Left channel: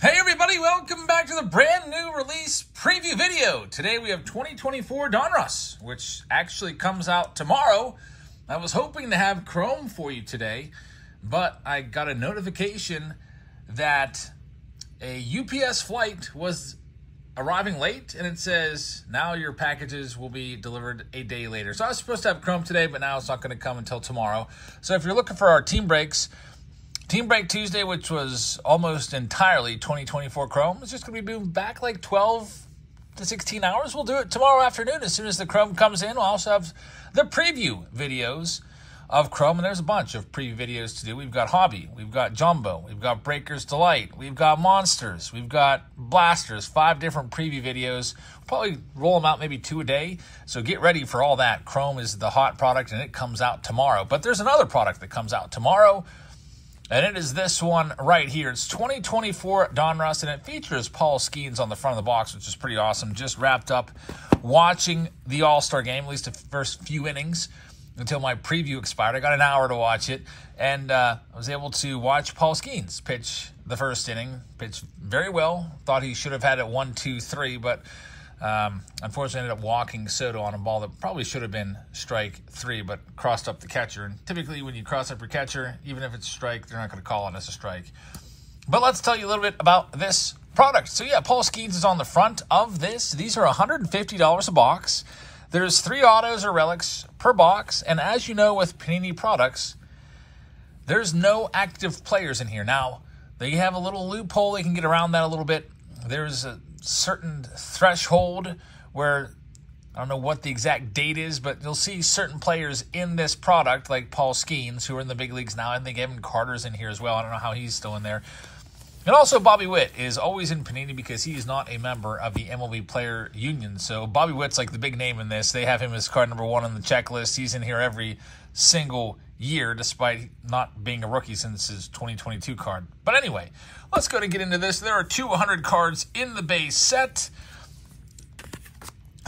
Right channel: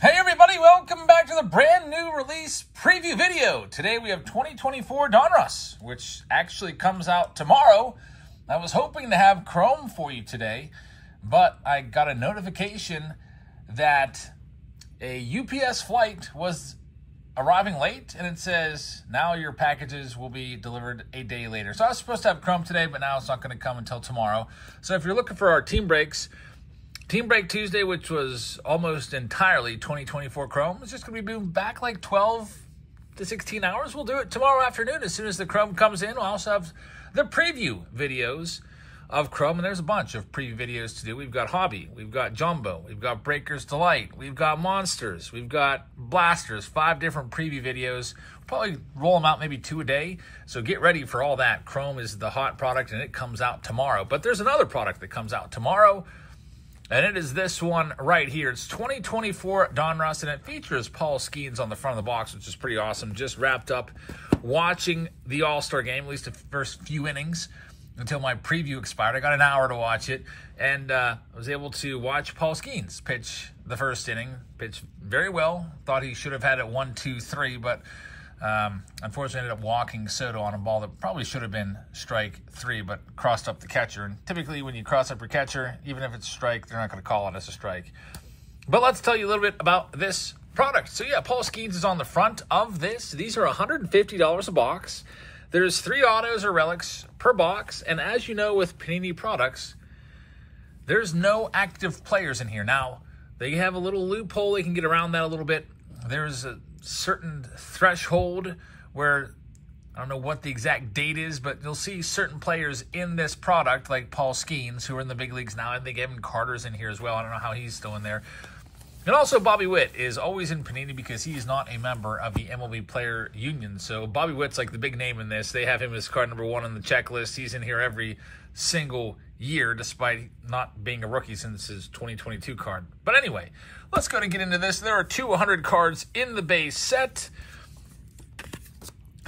Hey everybody, welcome back to the brand new release preview video. Today we have 2024 Donruss, which actually comes out tomorrow. I was hoping to have Chrome for you today, but I got a notification that a UPS flight was arriving late, and it says now your packages will be delivered a day later. So I was supposed to have Chrome today, but now it's not going to come until tomorrow. So if you're looking for our team breaks, Team Break Tuesday, which was almost entirely 2024 Chrome, is just going to be moving back like 12 to 16 hours. We'll do it tomorrow afternoon as soon as the Chrome comes in. We'll also have the preview videos of Chrome, and there's a bunch of preview videos to do. We've got Hobby, we've got Jumbo, we've got Breaker's Delight, we've got Monsters, we've got Blasters, 5 different preview videos. We'll probably roll them out maybe 2 a day, so get ready for all that. Chrome is the hot product, and it comes out tomorrow. But there's another product that comes out tomorrow, and it is this one right here. It's 2024 Donruss, and it features Paul Skeens on the front of the box, which is pretty awesome. Just wrapped up watching the All-Star game, at least the first few innings, until my preview expired. I got an hour to watch it, and I was able to watch Paul Skeens pitch the first inning. Pitched very well. Thought he should have had it 1-2-3, but unfortunately ended up walking Soto on a ball that probably should have been strike 3, but crossed up the catcher. And typically when you cross up your catcher, even if it's strike, they're not going to call it as a strike. But let's tell you a little bit about this product. So yeah, Paul Skeens is on the front of this. These are $150 a box. There's 3 autos or relics per box. And as you know with Panini products, there's no active players in here. Now, they have a little loophole. They can get around that a little bit. There's a certain threshold where, I don't know what the exact date is, but you'll see certain players in this product, like Paul Skeens, who are in the big leagues now. I think Evan Carter's in here as well. I don't know how he's still in there. And also Bobby Witt is always in Panini because he's not a member of the MLB Player Union. So Bobby Witt's like the big name in this. They have him as card number 1 on the checklist. He's in here every single year, despite not being a rookie since his 2022 card. But anyway, let's go and get into this. There are 200 cards in the base set.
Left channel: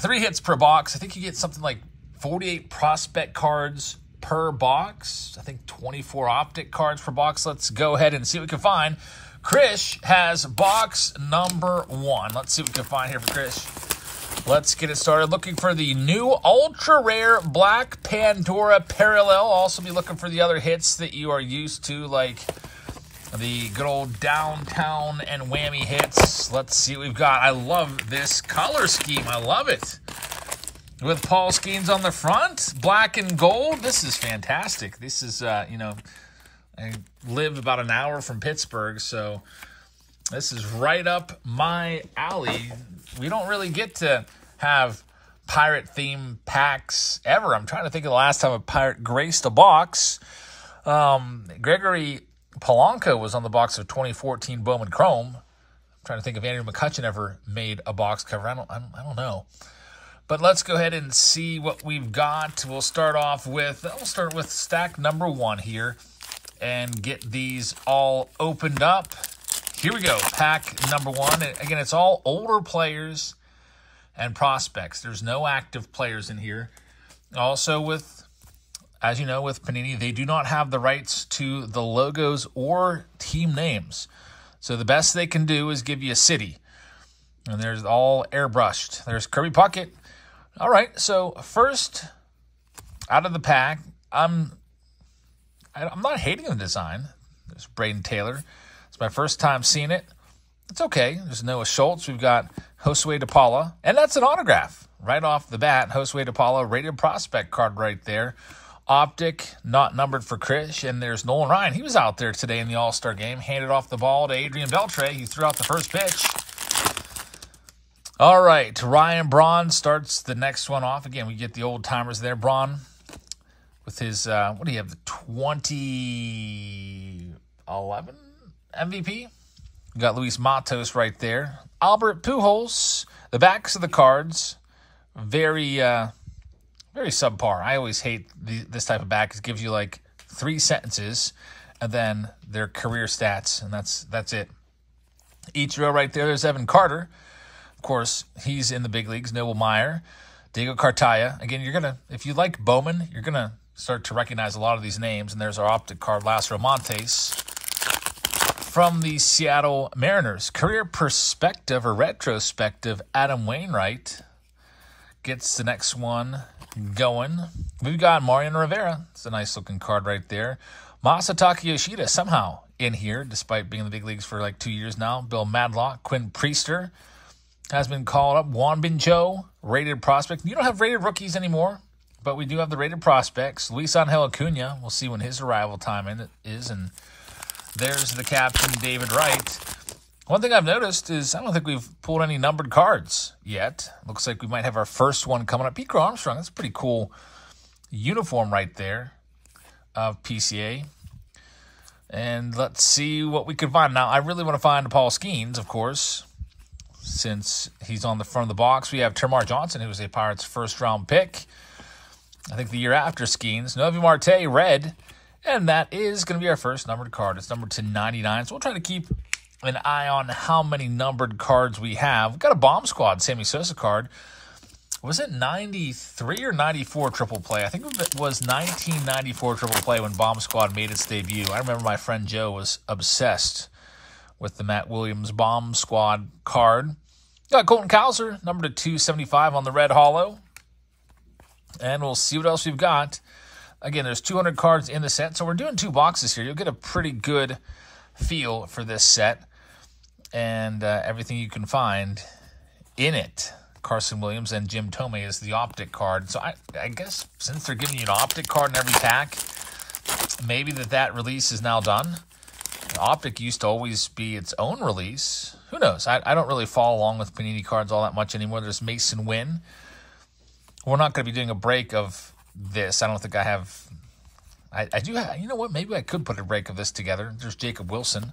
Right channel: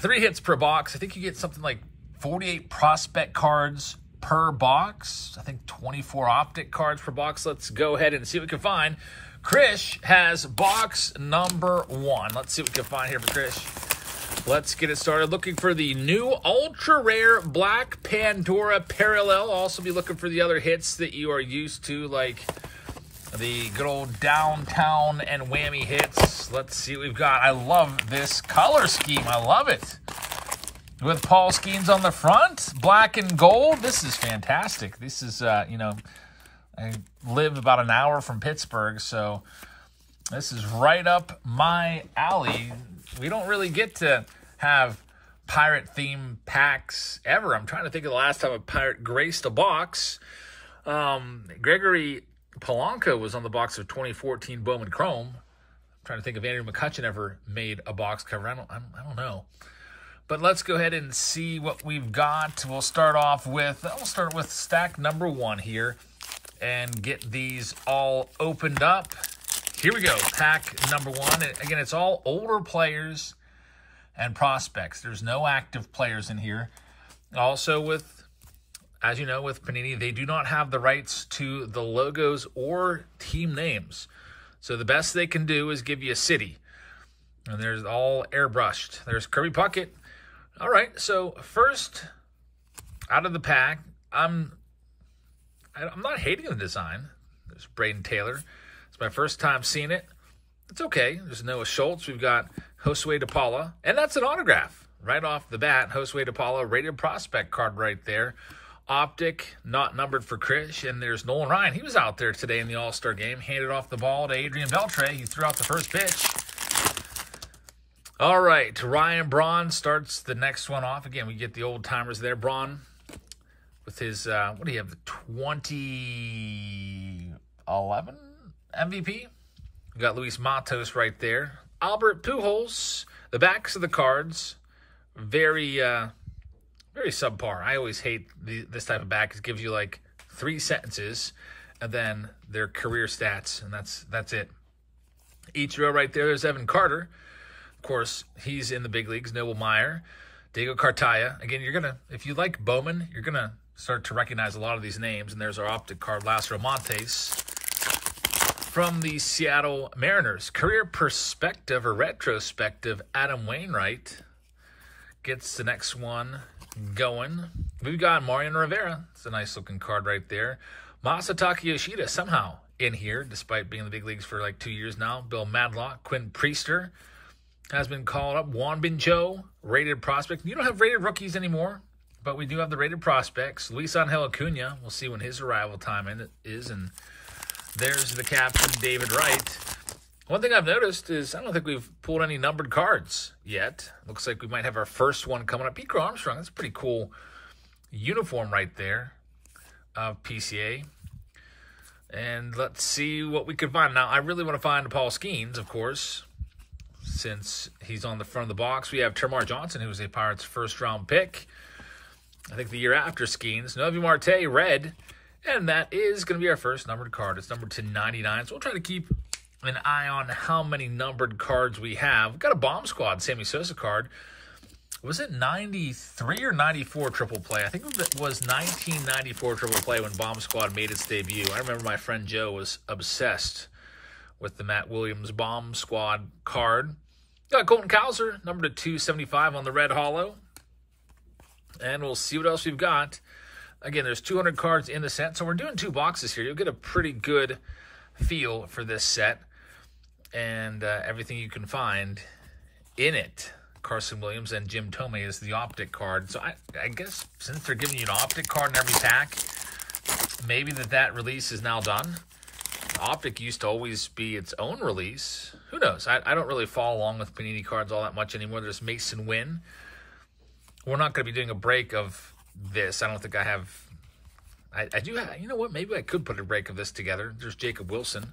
3 hits per box. I think you get something like 48 prospect cards per box. I think 24 optic cards per box. Let's go ahead and see what we can find. Krish has box number 1. Let's see what we can find here for Krish. Let's get it started. Looking for the new ultra rare Black Pandora Parallel. Also be looking for the other hits that you are used to, like the good old Downtown and Whammy hits. Let's see what we've got. I love this color scheme. I love it. With Paul Skeens on the front, black and gold. This is fantastic. This is, you know, I live about an hour from Pittsburgh, so this is right up my alley. We don't really get to have pirate-themed packs ever. I'm trying to think of the last time a pirate graced a box. Gregory Polanco was on the box of 2014 Bowman Chrome. I'm trying to think if Andrew McCutchen ever made a box cover. I don't know. But let's go ahead and see what we've got. We'll start with stack number 1 here and get these all opened up. Here we go, pack number 1. Again, it's all older players and prospects. There's no active players in here. Also with, as you know, with Panini, they do not have the rights to the logos or team names. So the best they can do is give you a city. And there's all airbrushed. There's Kirby Puckett. All right, so first out of the pack, I'm not hating the design. There's Braden Taylor. It's my first time seeing it. It's okay. There's Noah Schultz. We've got Josue DePaula. And that's an autograph right off the bat. Josue DePaula, rated prospect card right there. Optic, not numbered for Krish. And there's Nolan Ryan. He was out there today in the All-Star game. Handed off the ball to Adrian Beltre. He threw out the first pitch. All right, Ryan Braun starts the next one off. Again, we get the old-timers there. Braun with his, what do you have, the 2011 MVP? We got Luis Matos right there. Albert Pujols, the backs of the cards, very subpar. I always hate this type of back. It gives you like 3 sentences and then their career stats, and that's it. Each row right there, there's Evan Carter. Of course, he's in the big leagues. Noble Meyer, Diego Cartaya. Again, if you like Bowman, you're gonna start to recognize a lot of these names. And there's our optic card, Lázaro Montes. from the Seattle Mariners. Career perspective or retrospective, Adam Wainwright gets the next one going. We've got Mariano Rivera. It's a nice looking card right there. Masataka Yoshida somehow in here, despite being in the big leagues for like 2 years now. Bill Madlock, Quinn Priester has been called up. Juan Bincho, rated prospect. You don't have rated rookies anymore, but we do have the rated prospects. Luis Angel Acuna, we'll see when his arrival time is. And there's the captain, David Wright. One thing I've noticed is I don't think we've pulled any numbered cards yet. Looks like we might have our first one coming up. Pico Armstrong, that's a pretty cool uniform right there of PCA. And let's see what we can find. Now, I really want to find Paul Skeens, of course, since he's on the front of the box. We have Termarr Johnson, who was a Pirates first-round pick, I think the year after Skeens. Novi Marte, red, and that is going to be our first numbered card. It's numbered to 99, so we'll try to keep an eye on how many numbered cards we have. We've got a Bomb Squad Sammy Sosa card. Was it 93 or 94 triple play? I think it was 1994 triple play when Bomb Squad made its debut. I remember my friend Joe was obsessed with the Matt Williams Bomb Squad card. Got Colton Cowser, number to 275 on the red holo. And we'll see what else we've got. Again, there's 200 cards in the set, so we're doing 2 boxes here. You'll get a pretty good feel for this set and everything you can find in it. Carson Williams and Jim Tomei is the optic card. So I guess since they're giving you an optic card in every pack, maybe that release is now done. The optic used to always be its own release. Who knows? I don't really follow along with Panini cards all that much anymore. There's Mason Wynn. We're not going to be doing a break of this. I don't think I have. I do have. You know what? Maybe I could put a break of this together. There's Jacob Wilson.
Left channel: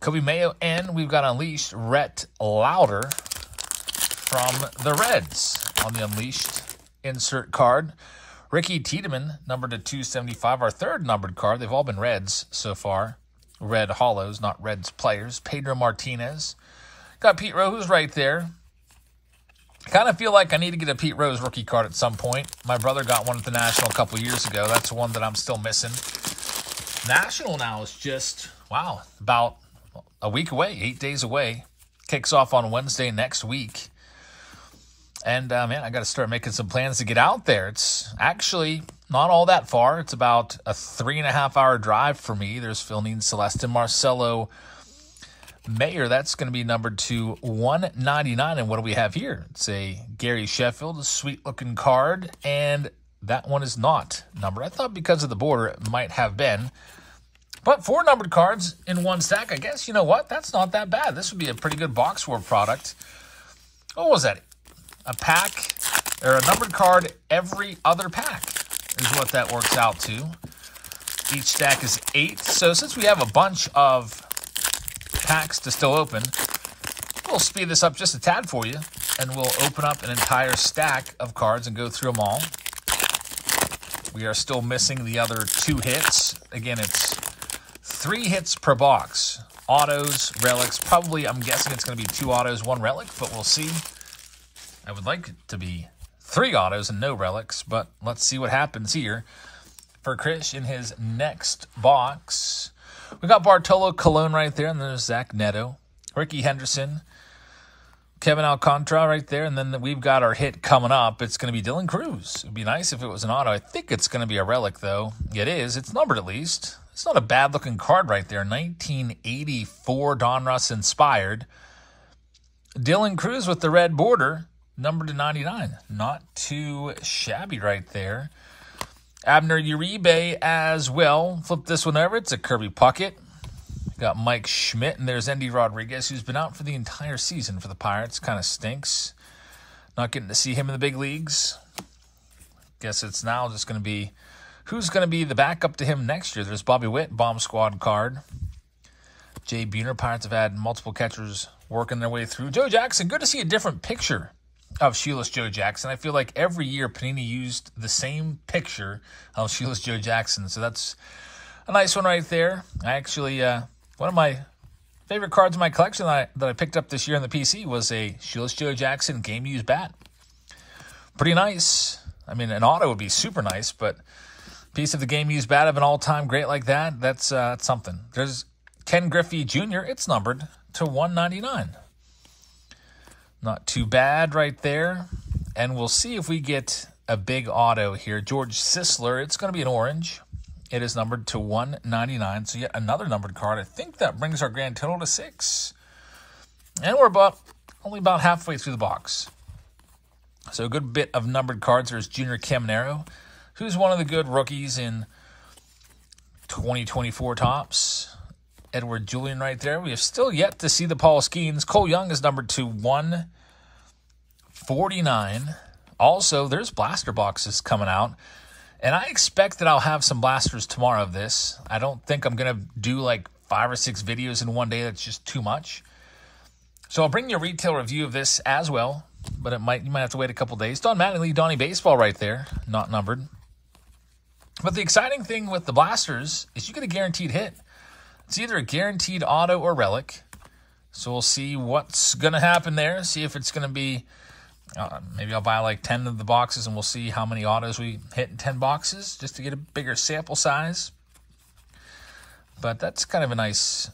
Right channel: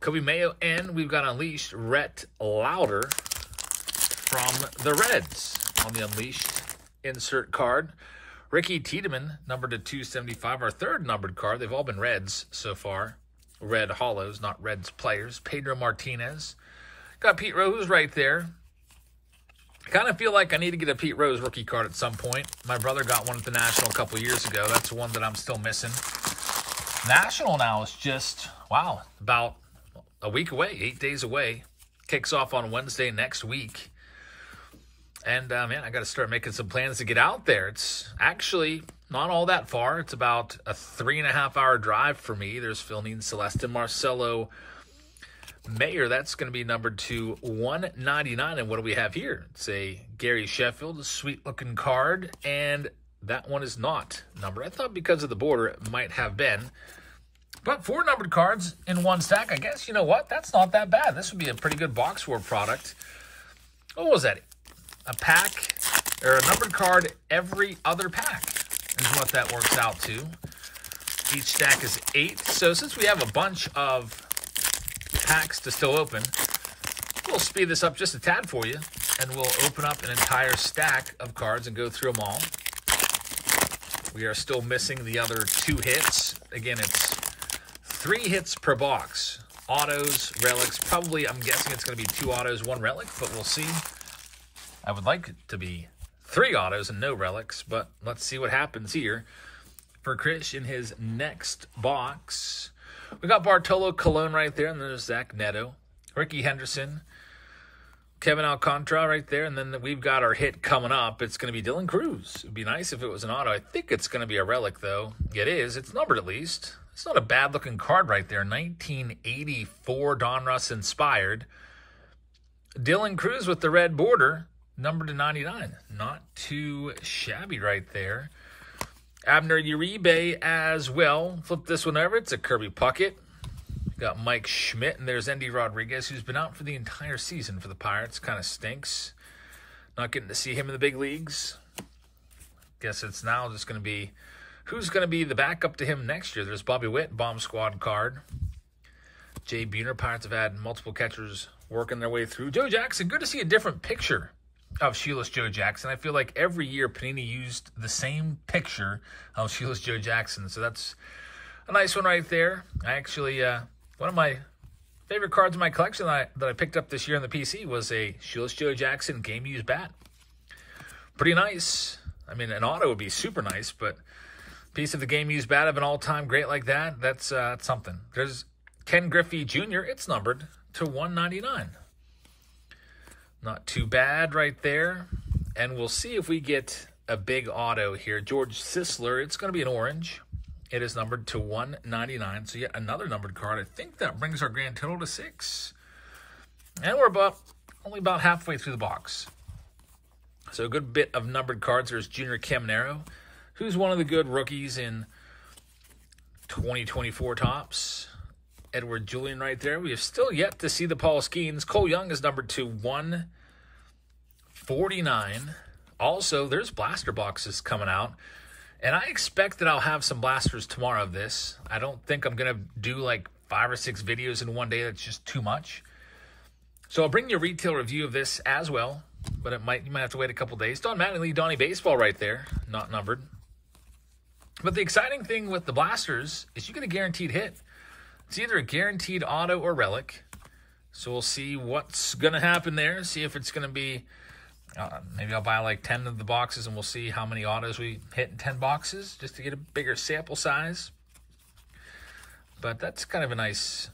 Kobe Mayo, and we've got Unleashed Rhett Lauder from the Reds on the Unleashed insert card. Ricky Tiedemann, numbered to 275, our third numbered card. They've all been Reds so far. Red hollows, not Reds players. Pedro Martinez. Got Pete Rose right there. Kind of feel like I need to get a Pete Rose rookie card at some point. My brother got one at the National a couple years ago. That's the one that I'm still missing. National now is just, wow, about a week away, 8 days away. Kicks off on Wednesday next week. And, man, I got to start making some plans to get out there. It's actually not all that far. It's about a 3.5-hour drive for me. There's Philnine Celestin, Marcelo Mayer. That's going to be numbered to 199. And what do we have here? It's a Gary Sheffield, a sweet-looking card. And that one is not numbered. I thought because of the border it might have been. But 4 numbered cards in one stack, I guess, you know what? That's not that bad. This would be a pretty good box war product. What was that? A pack, or a numbered card every other pack is what that works out to. Each stack is 8. So since we have a bunch of packs to still open, we'll speed this up just a tad for you, and we'll open up an entire stack of cards and go through them all. We are still missing the other 2 hits. Again, it's 3 hits per box. Autos, relics, probably, I'm guessing it's going to be 2 autos, 1 relic, but we'll see. I would like it to be 3 autos and no relics, but let's see what happens here for Chris in his next box. We got Bartolo Colon right there, and there's Zach Neto, Ricky Henderson, Kevin Alcantara right there, and then we've got our hit coming up. It's going to be Dylan Cruz. It would be nice if it was an auto. I think it's going to be a relic, though. It is. It's numbered at least. It's not a bad-looking card right there. 1984 Donruss inspired. Dylan Cruz with the red border. Numbered to 99. Not too shabby right there. Abner Uribe as well. Flip this one over. It's a Kirby Puckett. Got Mike Schmidt, and there's Endy Rodriguez, who's been out for the entire season for the Pirates. Kind of stinks. Not getting to see him in the big leagues. Guess it's now just going to be who's going to be the backup to him next year. There's Bobby Witt, Bomb Squad card. Jay Buhner. Pirates have had multiple catchers working their way through. Joe Jackson. Good to see a different picture of Shoeless Joe Jackson. I feel like every year Panini used the same picture of Shoeless Joe Jackson. So that's a nice one right there. I actually, one of my favorite cards in my collection that I picked up this year in the PC was a Shoeless Joe Jackson game-used bat. Pretty nice. I mean, an auto would be super nice, but a piece of the game-used bat of an all-time great like that, that's something. There's Ken Griffey Jr., it's numbered to 199. Not too bad right there. And we'll see if we get a big auto here. George Sisler, it's going to be an orange. It is numbered to 199. So yet another numbered card. I think that brings our grand total to 6. And we're only about halfway through the box. So a good bit of numbered cards. There's Junior Caminero, who's one of the good rookies in 2024 Topps. Edward Julian right there. We have still yet to see the Paul Skeens. Cole Young is numbered to 149. Also, there's blaster boxes coming out. And I expect that I'll have some blasters tomorrow of this. I don't think I'm going to do like 5 or 6 videos in one day. That's just too much. So I'll bring you a retail review of this as well. But you might have to wait a couple days. Don Mattingly, Donnie Baseball right there. Not numbered. But the exciting thing with the blasters is you get a guaranteed hit. It's either a guaranteed auto or relic. So we'll see what's going to happen there. See if it's going to be... maybe I'll buy like 10 of the boxes and we'll see how many autos we hit in 10 boxes just to get a bigger sample size. But that's kind of a nice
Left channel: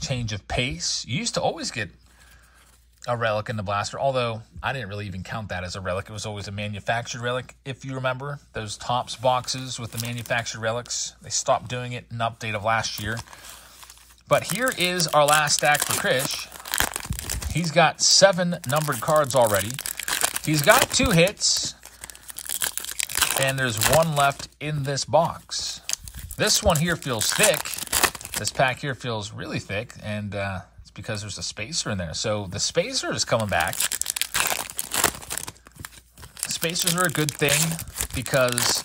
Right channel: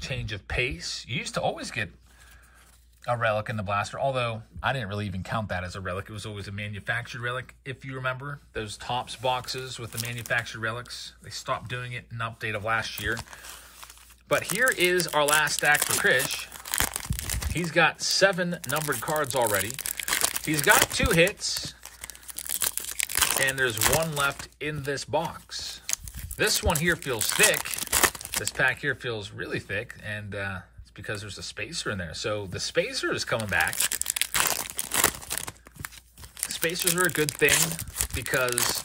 change of pace. You used to always get a relic in the blaster, although I didn't really even count that as a relic. It was always a manufactured relic. If you remember those Topps boxes with the manufactured relics, they stopped doing it in update of last year. But here is our last stack for Krish. He's got 7 numbered cards already. He's got 2 hits. And there's 1 left in this box. This one here feels thick. This pack here feels really thick. And it's because there's a spacer in there. So the spacer is coming back. Spacers are a good thing because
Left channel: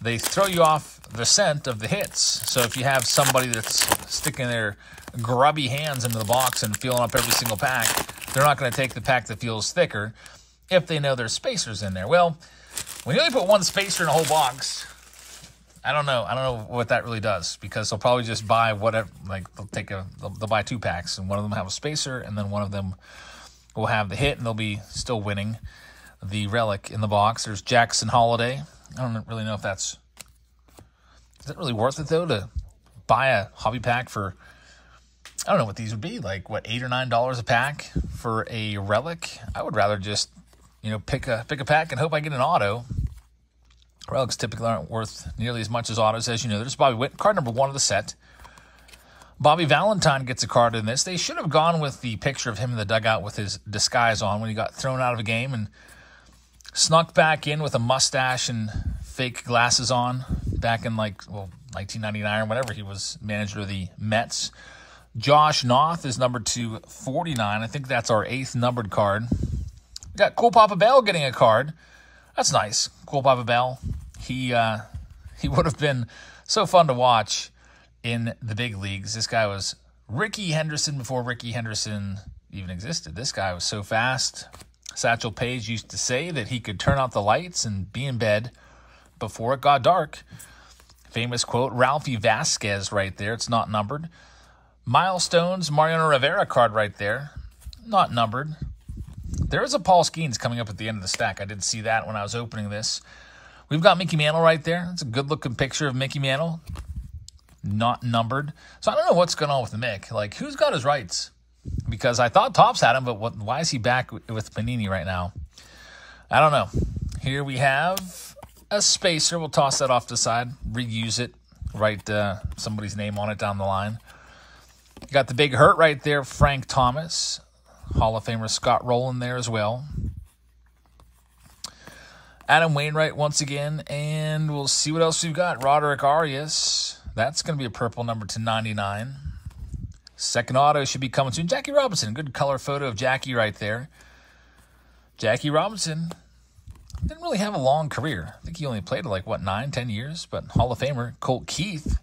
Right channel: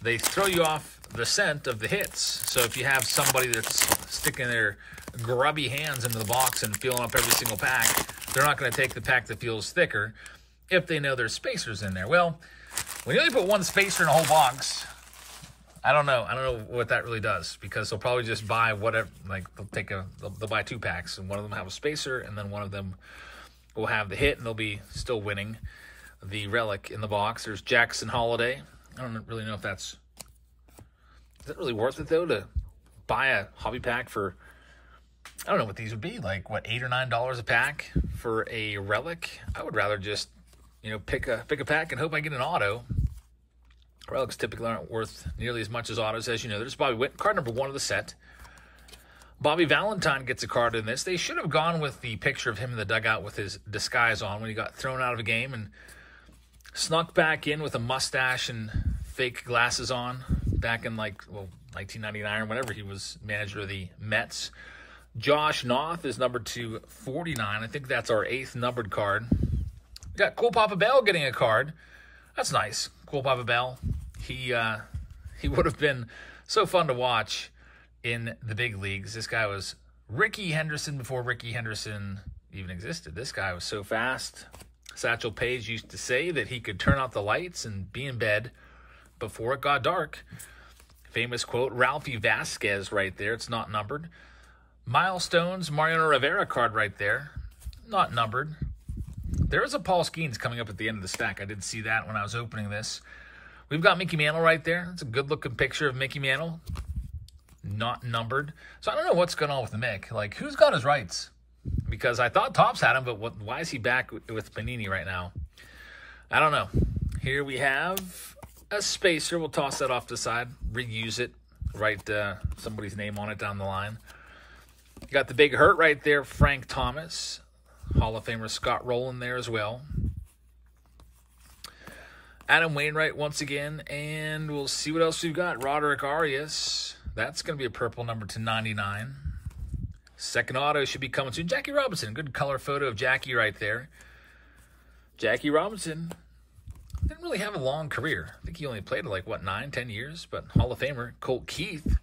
they throw you off the scent of the hits. So if you have somebody that's sticking their grubby hands into the box and feeling up every single pack, they're not going to take the pack that feels thicker if they know there's spacers in there. Well, when you only put 1 spacer in a whole box, I don't know what that really does, because they'll probably just buy whatever, like they'll buy 2 packs and one of them have a spacer and then one of them will have the hit and they'll be still winning the relic in the box. There's Jackson Holiday. I don't really know if is it really worth it though to buy a hobby pack for, I don't know what these would be, like what, $8 or $9 a pack for a relic? I would rather just, pick a pack and hope I get an auto. Relics typically aren't worth nearly as much as autos, as you know. There's Bobby Witt, card number 1 of the set. Bobby Valentine gets a card in this. They should have gone with the picture of him in the dugout with his disguise on when he got thrown out of a game and snuck back in with a mustache and fake glasses on back in 1999 or whatever. He was manager of the Mets. Josh Noth is numbered to 49. I think that's our 8th numbered card. We got Cool Papa Bell getting a card. That's nice. Cool Papa Bell. He would have been so fun to watch in the big leagues. This guy was Ricky Henderson before Ricky Henderson even existed. This guy was so fast. Satchel Paige used to say that he could turn out the lights and be in bed before it got dark. Famous quote, Ralphie Vasquez right there. It's not numbered. Milestones, Mariano Rivera card right there. Not numbered. There is a Paul Skeens coming up at the end of the stack. I did see that when I was opening this. We've got Mickey Mantle right there. It's a good-looking picture of Mickey Mantle. Not numbered. So I don't know what's going on with the Mick. Like, who's got his rights? Because I thought Topps had him, but why is he back with Panini right now? I don't know. Here we have a spacer. We'll toss that off to the side. Reuse it. Write somebody's name on it down the line. You got the big hurt right there, Frank Thomas. Hall of Famer Scott Rowland there as well. Adam Wainwright once again. And we'll see what else we've got. Roderick Arias. That's going to be a purple number to 99. Second auto should be coming soon. Jackie Robinson. Good color photo of Jackie right there. Jackie Robinson didn't really have a long career. I think he only played like, 9, 10 years? But Hall of Famer Colt Keith.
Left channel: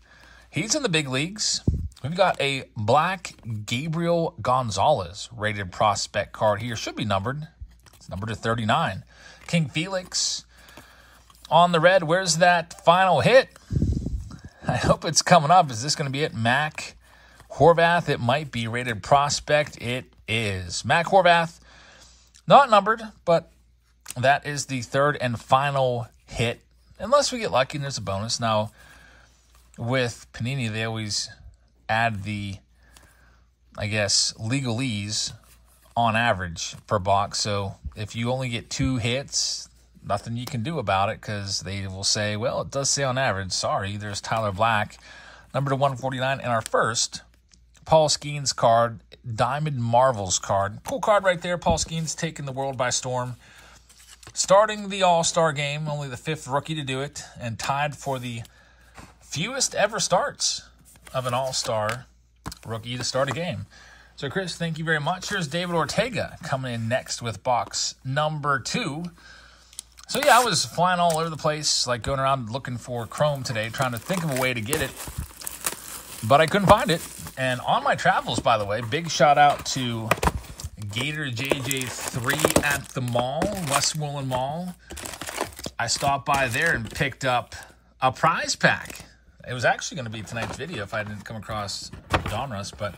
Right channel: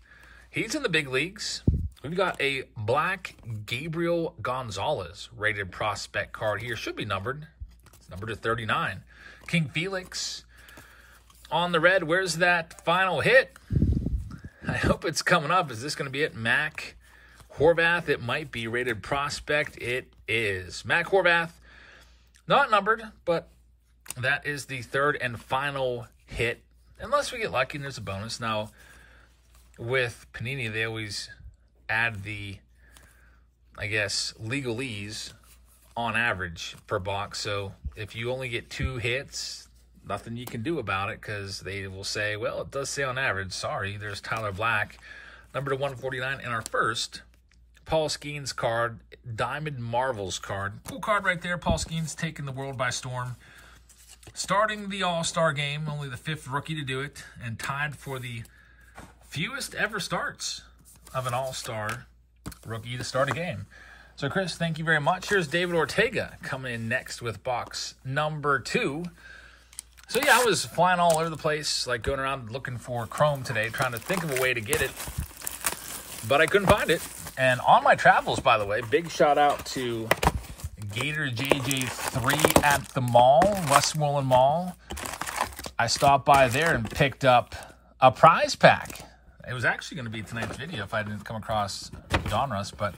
He's in the big leagues. We've got a black Gabriel Gonzalez rated prospect card here. Should be numbered. It's numbered to 39. King Felix on the red. Where's that final hit? I hope it's coming up. Is this going to be it? Mac Horvath. It might be rated prospect. It is. Mac Horvath. Not numbered, but that is the 3rd and final hit. Unless we get lucky and there's a bonus. Now, with Panini, they always add the, I guess, legalese on average per box. So if you only get 2 hits, nothing you can do about it because they will say, well, it does say on average. Sorry, there's Tyler Black, number to 149. And our first, Paul Skeens card, Diamond Marvels card. Cool card right there. Paul Skeens taking the world by storm. Starting the All-Star game, only the 5th rookie to do it, and tied for the fewest ever starts of an All-Star rookie to start a game. So, Chris, thank you very much. Here's David Ortega coming in next with box number 2. So, yeah, I was flying all over the place, like going around looking for Chrome today, trying to think of a way to get it, but I couldn't find it. And on my travels, by the way, big shout out to Gator JJ3 at the mall, Westmoreland Mall. I stopped by there and picked up a prize pack. It was actually going to be tonight's video if I didn't come across Donruss, but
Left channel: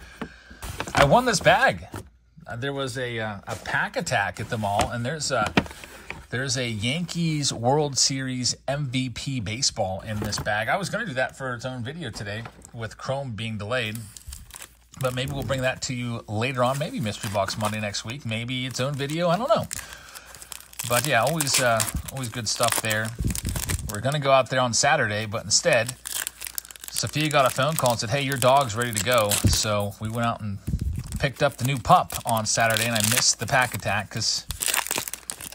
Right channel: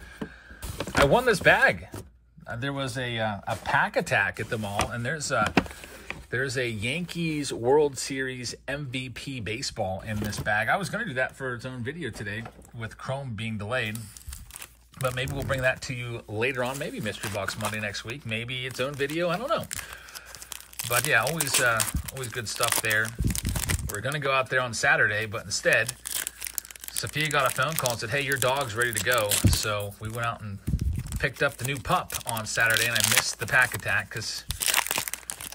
I won this bag. There was a pack attack at the mall, and there's a Yankees World Series MVP baseball in this bag. I was going to do that for its own video today with Chrome being delayed, but maybe we'll bring that to you later on. Maybe Mystery Box Monday next week. Maybe its own video. I don't know. But yeah, always good stuff there. We're going to go out there on Saturday, but instead, Sophia got a phone call and said, hey, your dog's ready to go. So we went out and picked up the new pup on Saturday, and I missed the pack attack because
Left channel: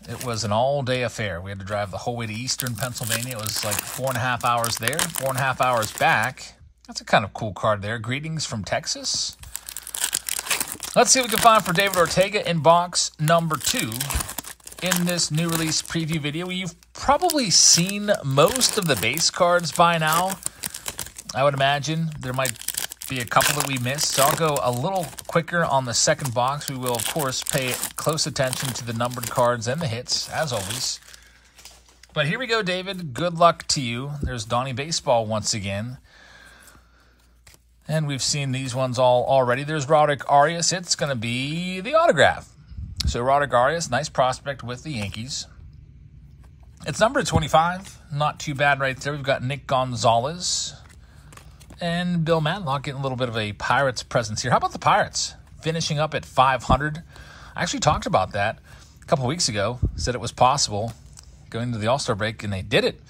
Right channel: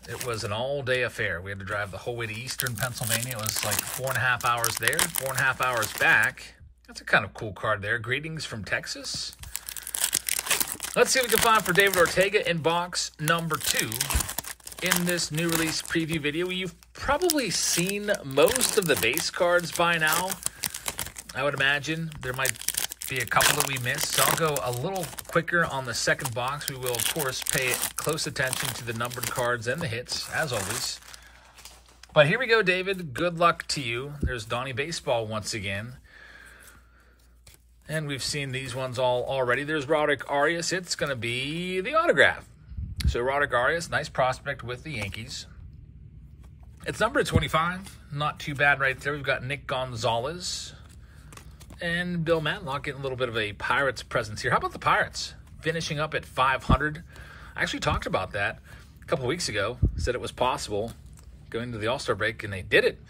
it was an all-day affair. We had to drive the whole way to eastern Pennsylvania. It was like 4.5 hours there, 4.5 hours back. That's a kind of cool card there. Greetings from Texas. Let's see what we can find for David Ortega in box number 2 in this new release preview video. You've probably seen most of the base cards by now. I would imagine there might be a couple that we missed, so I'll go a little quicker on the second box. We will, of course, pay close attention to the numbered cards and the hits, as always. But here we go, David. Good luck to you. There's Donnie Baseball once again. And we've seen these ones all already. There's Roderick Arias. It's going to be the autograph. So Roderick Arias, nice prospect with the Yankees. It's number 25. Not too bad right there. We've got Nick Gonzalez and Bill Matlock getting a little bit of a Pirates presence here. How about the Pirates finishing up at 500? I actually talked about that a couple weeks ago. Said it was possible going to the All-Star break, and they did it.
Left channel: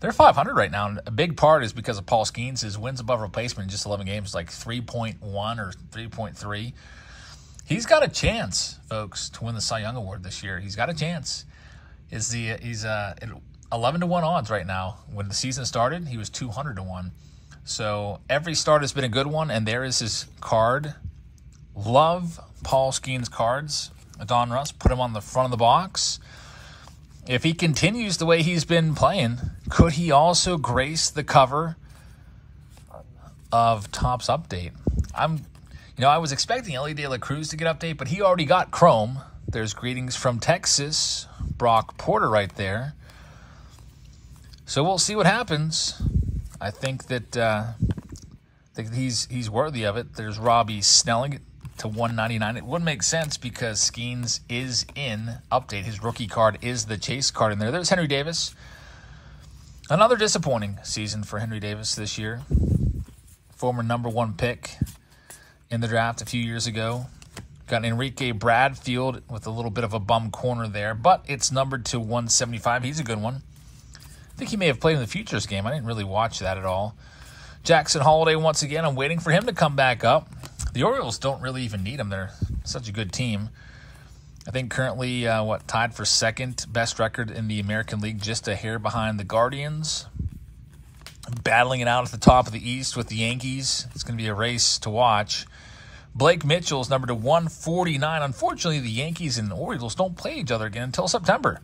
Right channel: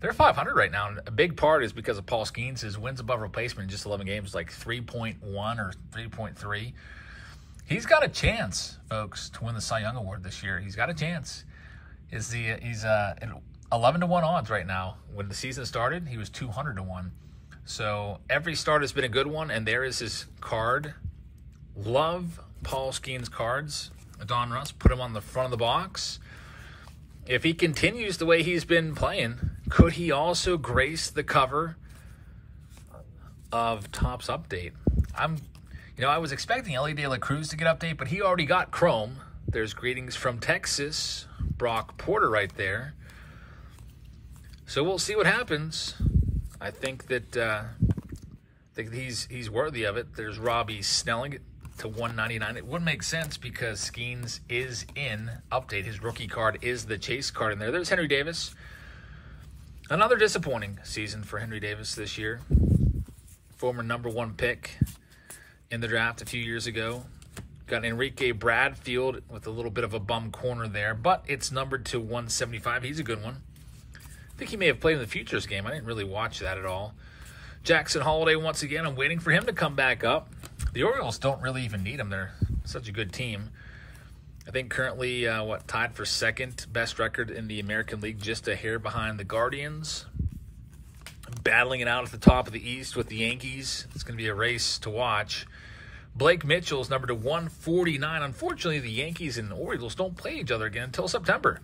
They're 500 right now, and a big part is because of Paul Skeens. His wins above replacement in just 11 games, like 3.1 or 3.3. He's got a chance, folks, to win the Cy Young Award this year. He's got a chance. He's at 11-1 odds right now. When the season started, he was 200-1. So every start has been a good one, and there is his card. Love Paul Skeens cards. Donruss, put him on the front of the box. If he continues the way he's been playing, could he also grace the cover of Topps Update? I was expecting Ellie De La Cruz to get update, but he already got Chrome. There's Greetings from Texas, Brock Porter right there. So we'll see what happens. I think that he's worthy of it. There's Robbie Snelling to 199. It wouldn't make sense because Skeens is in update. His rookie card is the chase card in there. There's Henry Davis. Another disappointing season for Henry Davis this year. Former #1 pick in the draft a few years ago. Got Enrique Bradfield with a little bit of a bum corner there, but it's numbered to 175. He's a good one. I think he may have played in the Futures game. I didn't really watch that at all. Jackson Holiday, once again, I'm waiting for him to come back up. The Orioles don't really even need him. They're such a good team. I think currently, tied for second best record in the American League, just a hair behind the Guardians. Battling it out at the top of the East with the Yankees. It's going to be a race to watch. Blake Mitchell's number to 149. Unfortunately, the Yankees and the Orioles don't play each other again until September.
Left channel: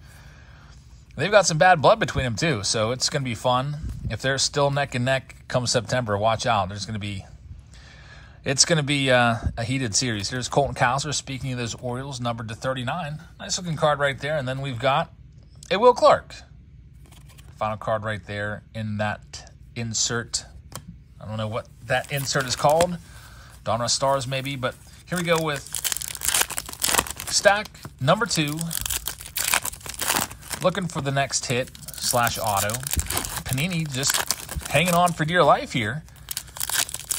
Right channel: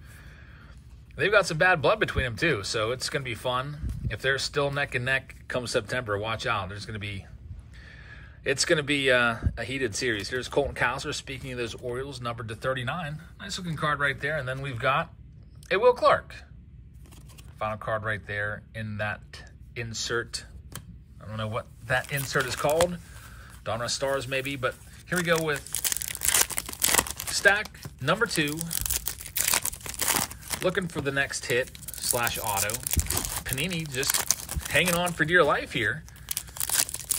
They've got some bad blood between them, too, so it's going to be fun. If they're still neck and neck come September, watch out. It's going to be a heated series. Here's Colton Cowser, speaking of those Orioles, numbered to 39. Nice-looking card right there. And then we've got a Will Clark. Final card right there in that insert. I don't know what that insert is called. Donruss Stars, maybe. But here we go with stack number 2. Looking for the next hit / auto. Panini just hanging on for dear life here.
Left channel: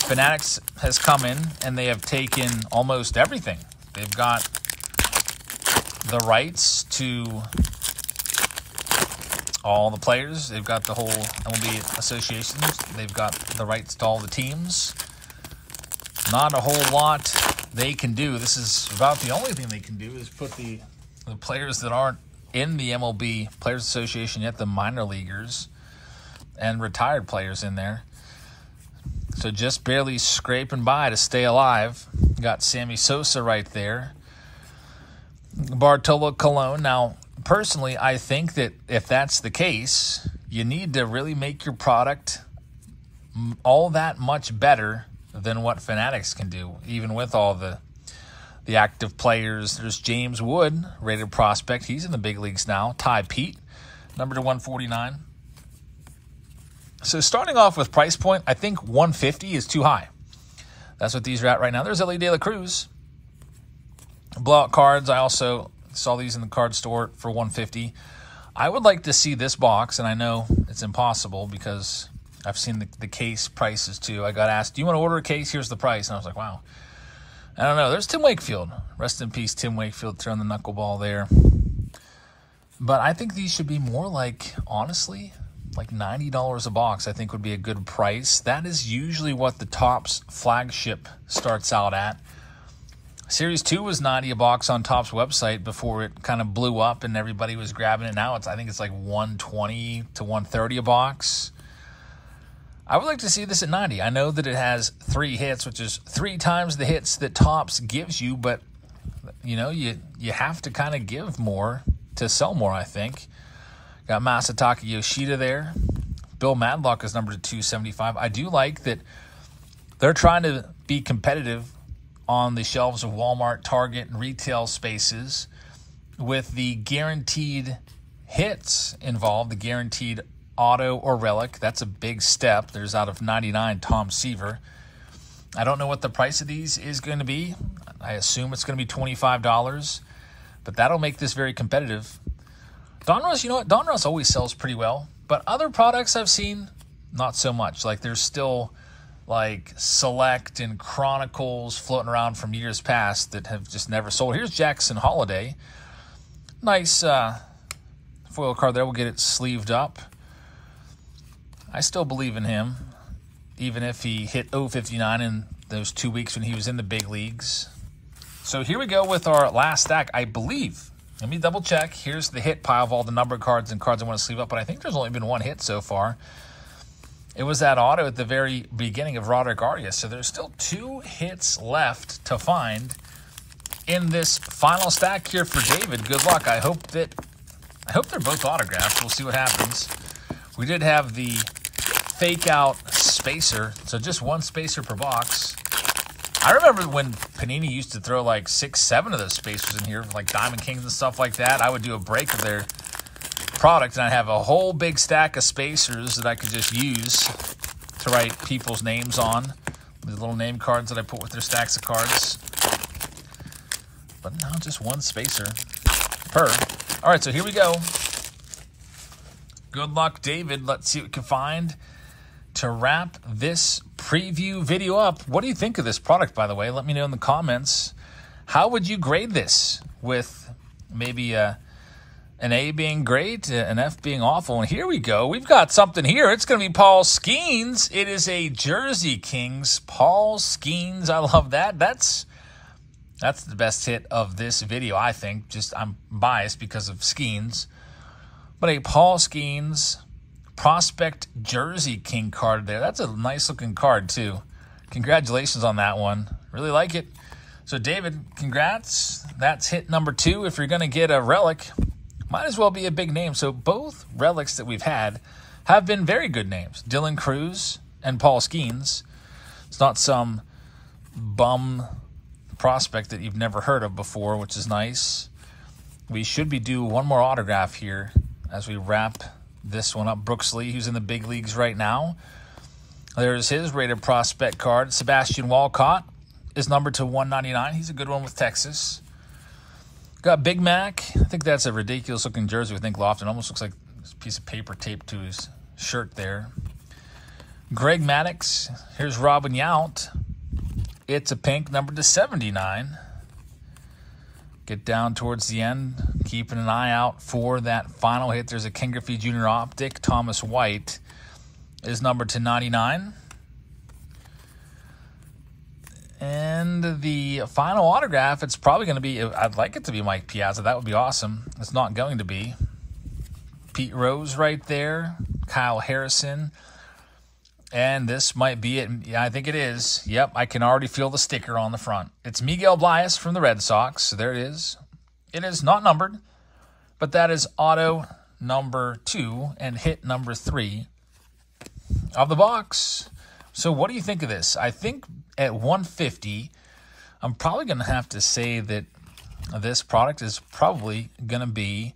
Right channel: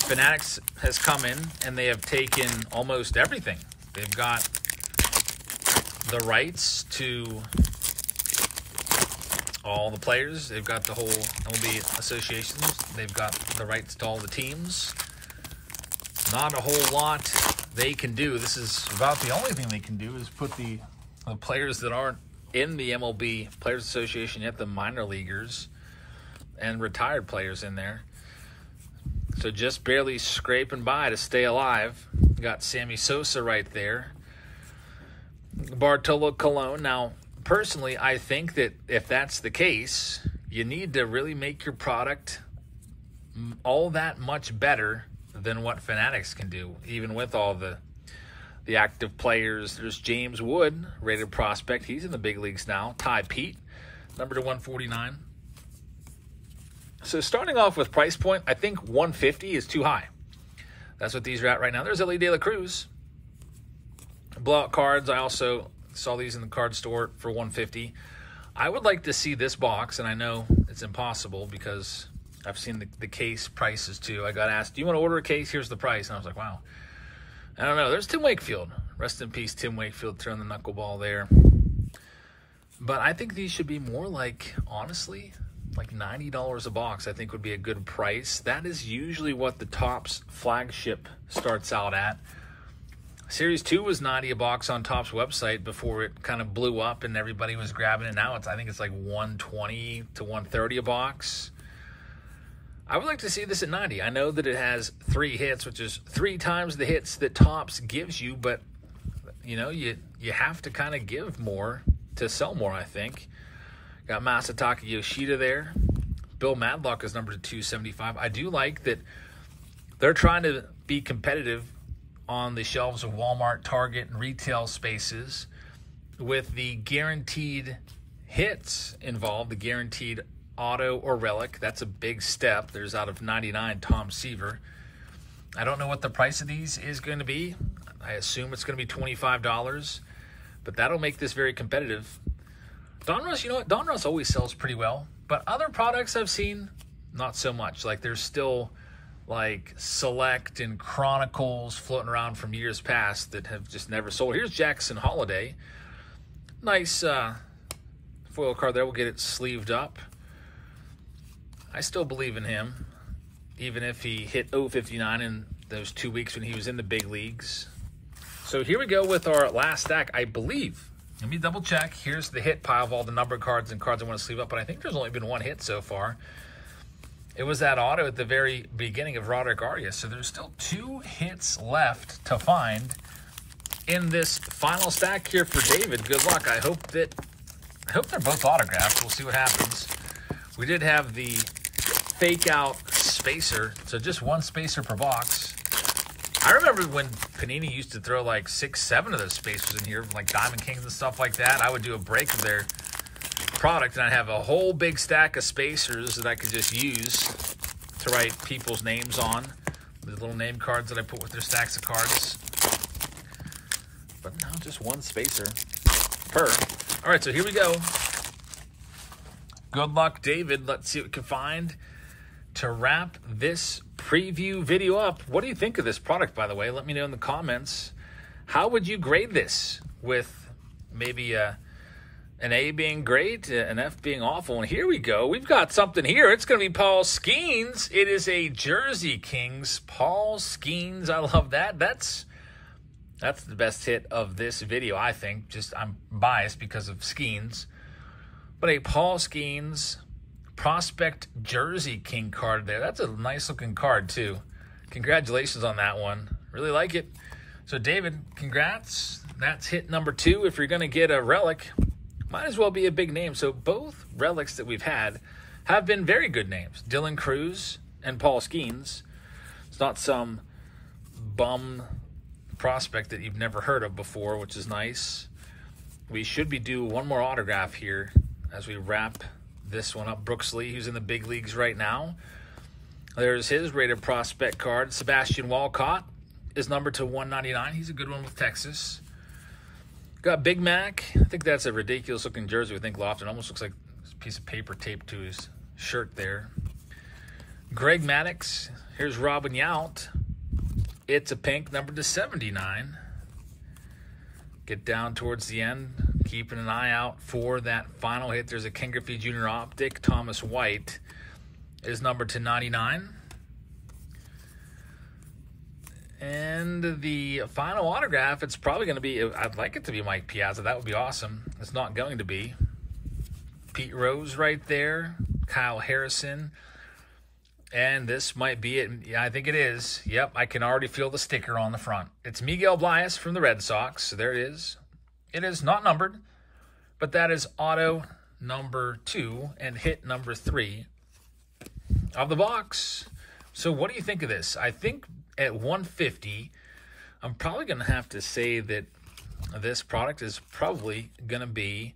Fanatics has come in and they have taken almost everything. They've got the rights to all the players. They've got the whole MLB association. They've got the rights to all the teams. Not a whole lot they can do. This is about the only thing they can do is put the players that aren't in the MLB Players Association yet, the minor leaguers, and retired players in there. So just barely scraping by to stay alive. Got Sammy Sosa right there. Bartolo Colon. Now, personally, I think that if that's the case, you need to really make your product all that much better than what Fanatics can do, even with all the active players. There's James Wood, rated prospect. He's in the big leagues now. Ty Pete, number to 149. So starting off with price point, I think 150 is too high. That's what these are at right now. There's Ellie De La Cruz. Blowout cards, I also saw these in the card store for 150. I would like to see this box, and I know it's impossible because I've seen the case prices too. I got asked, do you want to order a case? Here's the price. And I was like, wow. I don't know. There's Tim Wakefield. Rest in peace, Tim Wakefield, throwing the knuckleball there. But I think these should be more like, honestly, like $90 a box, I think would be a good price. That is usually what the Topps flagship starts out at. Series 2 was $90 a box on Topps website before it kind of blew up and everybody was grabbing it. Now I think it's like $120 to $130 a box. I would like to see this at 90. I know that it has 3 hits, which is 3 times the hits that Topps gives you, but you know, you have to kind of give more to sell more, I think. Got Masataka Yoshida there. Bill Madlock is number 275. I do like that they're trying to be competitive on the shelves of Walmart, Target, and retail spaces with the guaranteed hits involved, the guaranteed auto or relic. That's a big step. There's out of 99, Tom Seaver. I don't know what the price of these is going to be. I assume it's going to be $25, but that'll make this very competitive. Donruss, you know what? Donruss always sells pretty well, but other products I've seen, not so much. Like there's still like Select and Chronicles floating around from years past that have just never sold. Here's Jackson Holiday. Nice foil card there. We'll get it sleeved up. I still believe in him, even if he hit 059 in those 2 weeks when he was in the big leagues. So here we go with our last stack, I believe. Let me double check. Here's the hit pile of all the numbered cards and cards I want to sleeve up, but I think there's only been 1 hit so far. It was that auto at the very beginning of Roderick Arias, so there's still 2 hits left to find in this final stack here for David. Good luck. I hope they're both autographed. We'll see what happens. We did have the fake out spacer, so just 1 spacer per box. I remember when Panini used to throw like 6, 7 of those spacers in here, like Diamond Kings and stuff like that. I would do a break of their product, and I'd have a whole big stack of spacers that I could just use to write people's names on. The little name cards that I put with their stacks of cards. But now just 1 spacer per. All right, so here we go. Good luck, David. Let's see what we can find to wrap this preview video up. What do you think of this product, by the way? Let me know in the comments. How would you grade this, with maybe an A being great, an F being awful? And here we go. We've got something here. It's going to be Paul Skeens. It is a Jersey Kings Paul Skeens. I love that. That's the best hit of this video, I think. Just I'm biased because of Skeens. But a Paul Skeens Prospect Jersey King card there. That's a nice looking card too. Congratulations on that one. Really like it. So David, congrats. That's hit number 2. If you're going to get a relic, might as well be a big name. So both relics that we've had have been very good names. Dylan Cruz and Paul Skeens. It's not some bum prospect that you've never heard of before, which is nice. We should be due 1 more autograph here as we wrap this one up. Brooks Lee, who's in the big leagues right now. There's his rated prospect card. Sebastian Walcott is numbered to 199. He's a good one with Texas. Got Big Mac. I think that's a ridiculous looking jersey. I think Lofton almost looks like a piece of paper taped to his shirt there. Greg Maddux. Here's Robin Yount. It's a pink, numbered to 79. Get down towards the end, keeping an eye out for that final hit. There's a Ken Griffey Jr. Optic. Thomas White is numbered to 99. And the final autograph, it's probably going to be, I'd like it to be Mike Piazza. That would be awesome. It's not going to be. Pete Rose right there. Kyle Harrison. And this might be it. Yeah, I think it is. Yep, I can already feel the sticker on the front. It's Miguel Blas from the Red Sox. So there it is. It is not numbered, but that is auto number 2 and hit number 3 of the box. So what do you think of this? I think at 150, I'm probably going to have to say that this product is probably going to be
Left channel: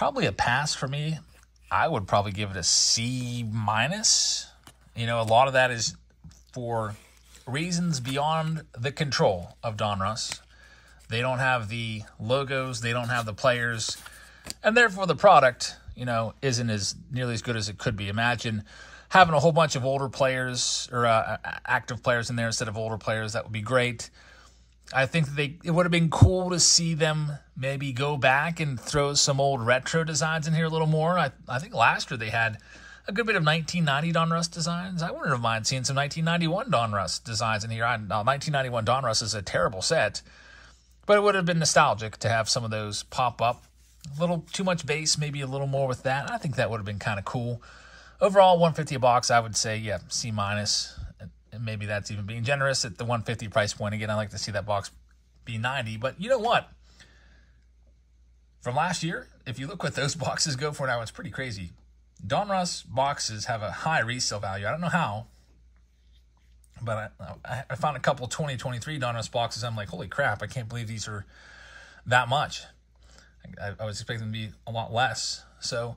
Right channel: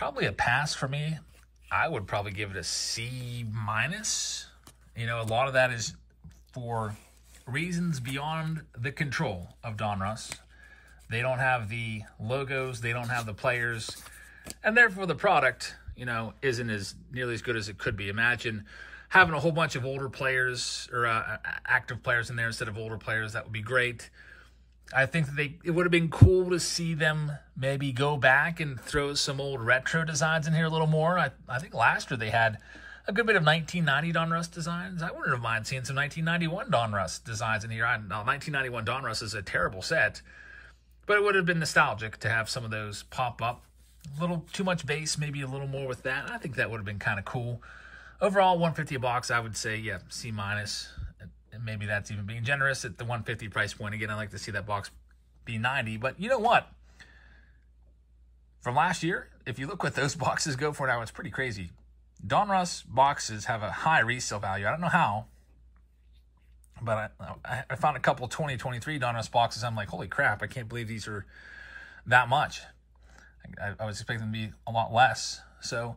a pass for me. I would probably give it a C-. You know, a lot of that is for reasons beyond the control of Donruss. They don't have the logos, they don't have the players, and therefore the product, you know, isn't as nearly as good as it could be. Imagine having a whole bunch of older players or active players in there instead of older players. That would be great. I think that it would have been cool to see them maybe go back and throw some old retro designs in here a little more. I think last year they had a good bit of 1990 Donruss designs. I wouldn't have mind seeing some 1991 Donruss designs in here. 1991 Donruss is a terrible set, but it would have been nostalgic to have some of those pop up. A little too much base, maybe a little more with that. I think that would have been kind of cool. Overall, 150 a box, I would say, yeah, C-. And maybe that's even being generous at the 150 price point. Again, I'd like to see that box be 90. But you know what? From last year, if you look what those boxes go for now, it's pretty crazy. Donruss boxes have a high resale value. I don't know how, but I found a couple 2023 Donruss boxes. I'm like, holy crap, I can't believe these are that much. I was expecting them to be a lot less. So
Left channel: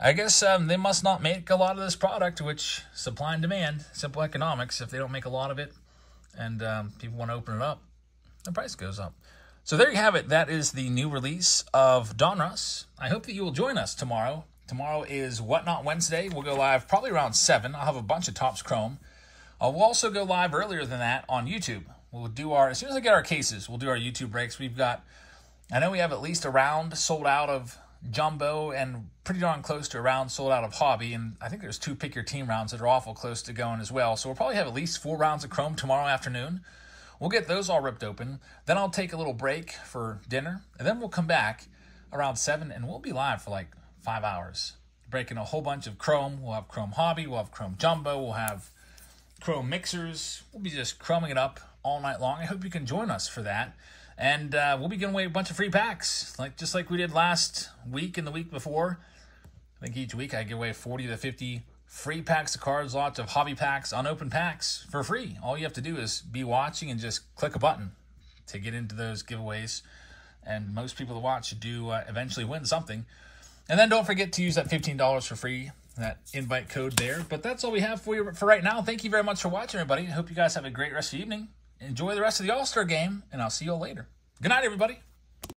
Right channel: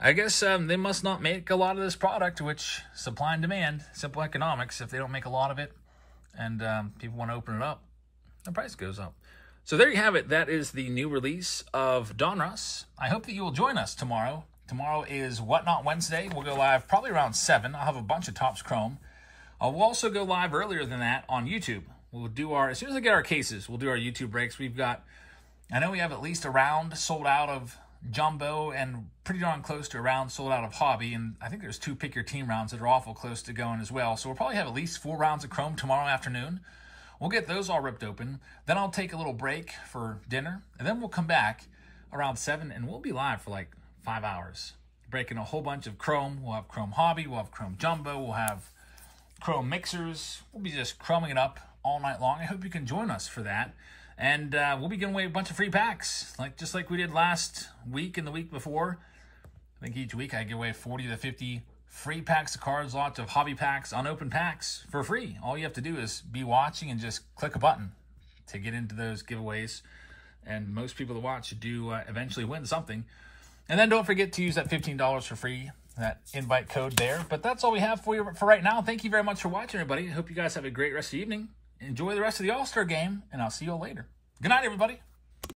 I guess they must not make a lot of this product, which supply and demand, simple economics. If they don't make a lot of it and people want to open it up, the price goes up. So there you have it. That is the new release of Donruss. I hope that you will join us tomorrow. Tomorrow is Whatnot Wednesday. We'll go live probably around 7. I'll have a bunch of Topps Chrome. We'll also go live earlier than that on YouTube. We'll do as soon as I get our cases, we'll do our YouTube breaks. I know we have at least a round sold out of Jumbo and pretty darn close to a round sold out of Hobby. And I think there's 2 Pick Your Team rounds that are awful close to going as well. So we'll probably have at least 4 rounds of Chrome tomorrow afternoon. We'll get those all ripped open. Then I'll take a little break for dinner. And then we'll come back around 7 and we'll be live for like 5 hours, breaking a whole bunch of Chrome. We'll have Chrome Hobby, we'll have Chrome Jumbo, we'll have Chrome Mixers. We'll be just chroming it up all night long. I hope you can join us for that. And we'll be giving away a bunch of free packs, just like we did last week and the week before. I think each week I give away 40 to 50 free packs of cards, lots of hobby packs, unopened packs for free. All you have to do is be watching and just click a button to get into those giveaways. And most people that watch do eventually win something. And then don't forget to use that $15 for free, that invite code there. But that's all we have for you for right now. Thank you very much for watching, everybody. I hope you guys have a great rest of the evening. Enjoy the rest of the All-Star game, and I'll see you all later. Good night, everybody.